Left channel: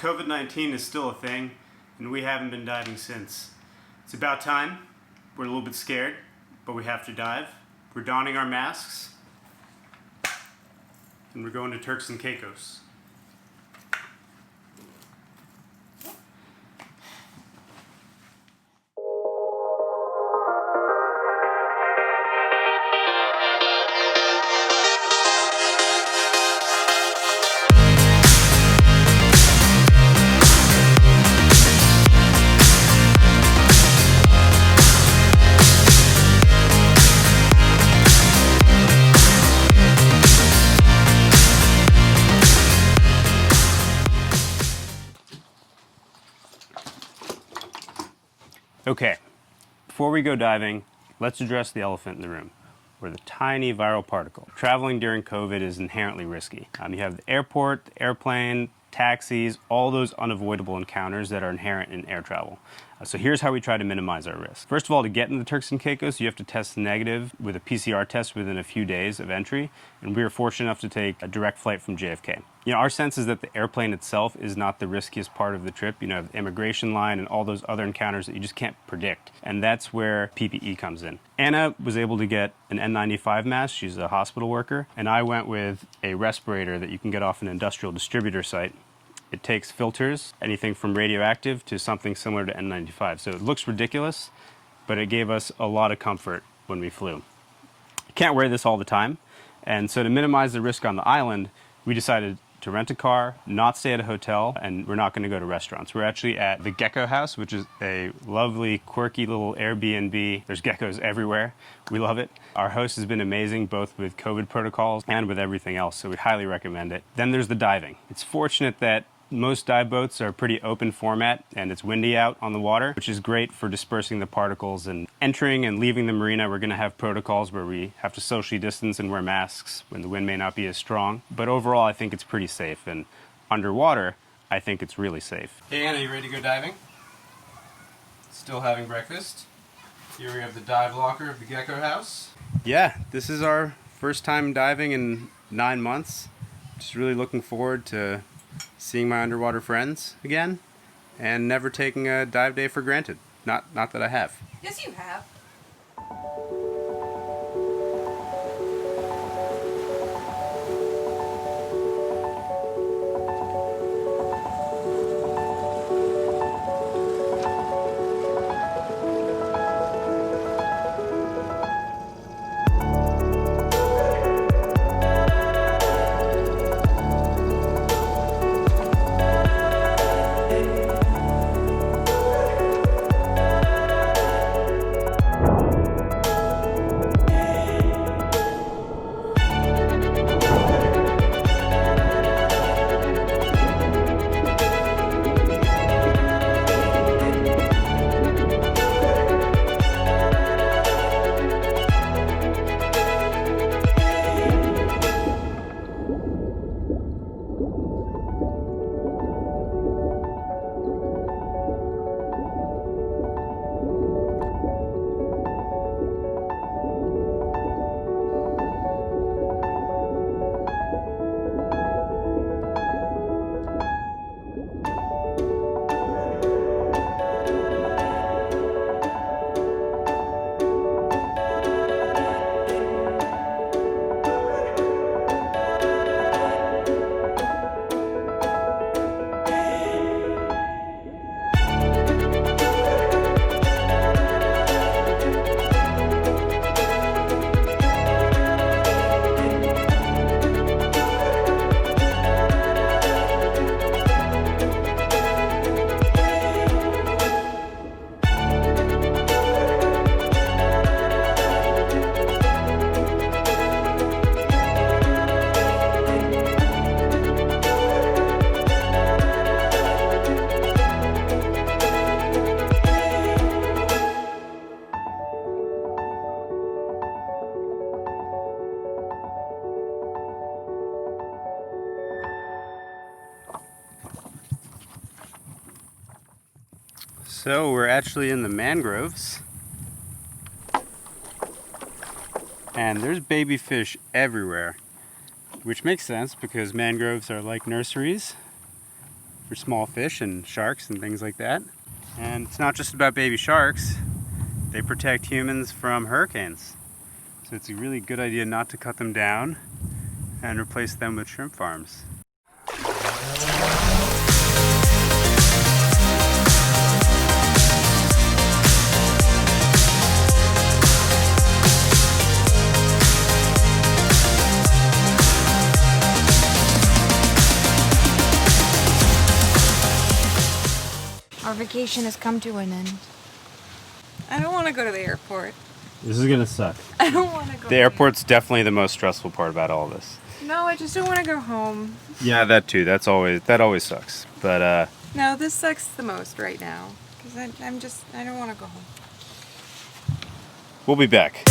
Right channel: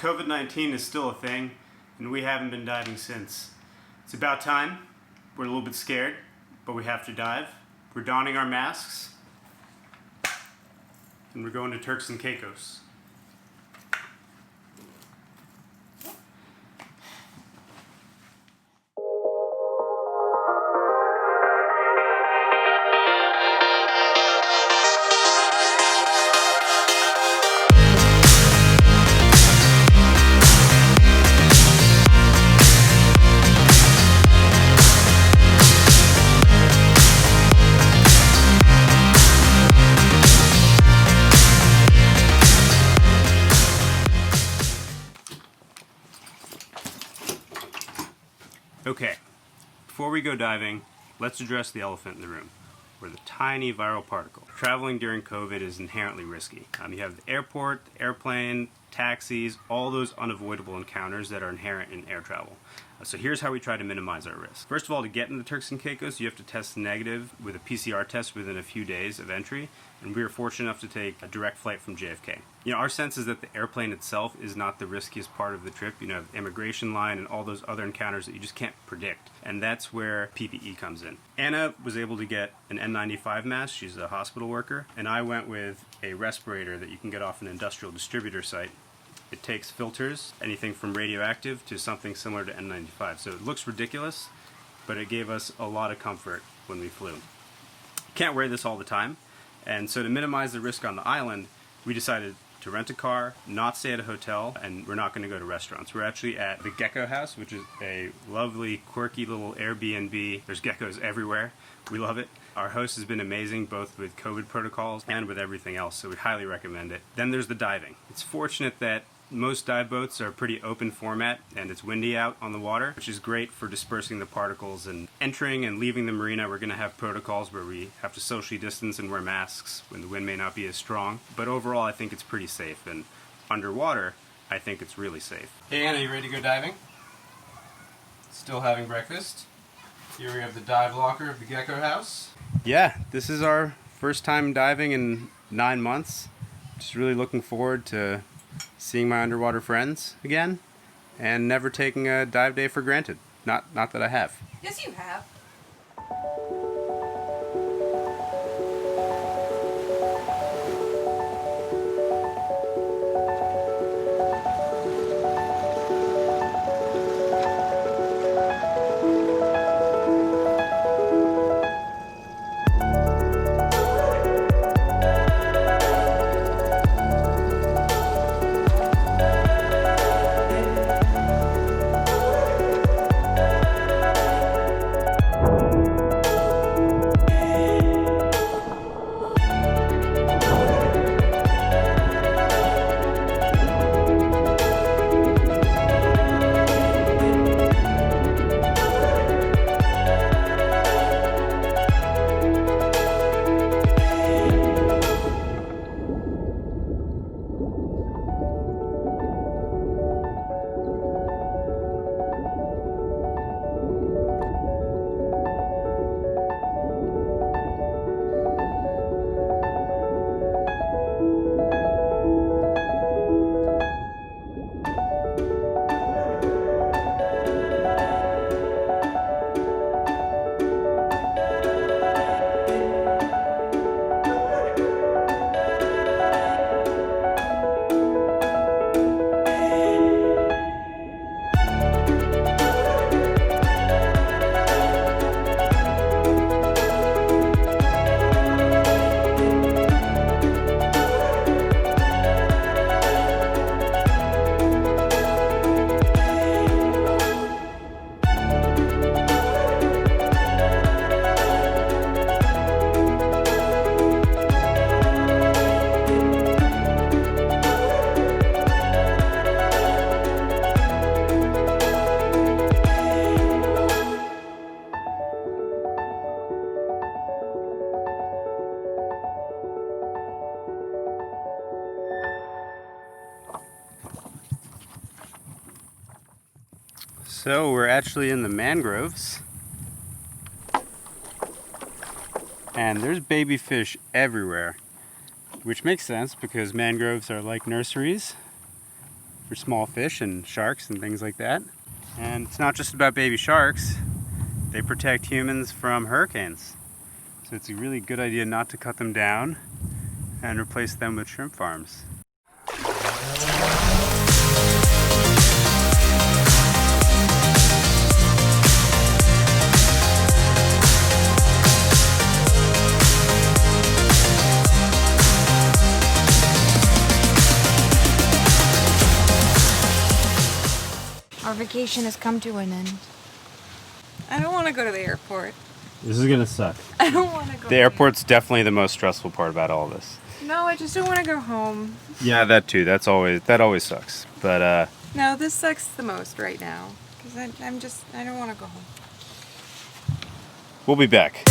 COVID-19 is still a thing, and we haven't been diving since. It's about time. We're a little bit scared, but we have to dive. We're donning our masks, and we're going to Turks and Caicos. Okay, before we go diving, let's address the elephant in the room. We're the tiny viral particle. Traveling during COVID is inherently risky. You have the airport, the airplane, taxis, all those unavoidable encounters that are inherent in air travel. So here's how we try to minimize our risk. First of all, to get into the Turks and Caicos, you have to test negative with a PCR test within a few days of entry, and we were fortunate enough to take a direct flight from JFK. Our sense is that the airplane itself is not the riskiest part of the trip. The immigration line and all those other encounters that you just can't predict, and that's where PPE comes in. Anna was able to get an N95 mask. She's a hospital worker, and I went with a respirator that you can get off an industrial distributor site. It takes filters, anything from radioactive to something similar to N95. So it looks ridiculous, but it gave us a lot of comfort when we flew. You can't wear this all the time, and so to minimize the risk on the island, we decided to rent a car, not stay at a hotel, and we're not going to go to restaurants. We're actually at the Gecko House, which is a lovely, quirky little Airbnb. There's geckos everywhere. We love it. Our host has been amazing, both with COVID protocols and with everything else, so we highly recommend it. Then there's the diving. It's fortunate that most dive boats are pretty open format, and it's windy out on the water, which is great for dispersing the particles. And entering and leaving the marina, we're going to have protocols where we have to socially distance and wear masks when the wind may not be as strong. But overall, I think it's pretty safe. And underwater, I think it's really safe. Hey Anna, you ready to go diving? Still having breakfast. Here we have the dive locker of the Gecko House. Yeah, this is our first time diving in 9 months. Just really looking forward to seeing my underwater friends again, and never taking a dive day for granted. Not that I have. Yes, you have. So we're actually in the mangroves, and there's baby fish everywhere, which makes sense because mangroves are like nurseries. for small fish and sharks and things like that. And it's not just about baby sharks. They protect humans from hurricanes. So it's a really good idea not to cut them down and replace them with shrimp farms. Our vacation has come to an end. I don't want to go to the airport. This is gonna suck. I don't want to go. The airport's definitely the most stressful part about all this. No, I just don't want to go home. Yeah, that too. That always sucks. But No, this sucks the most right now because I don't want to go home. we'll be back.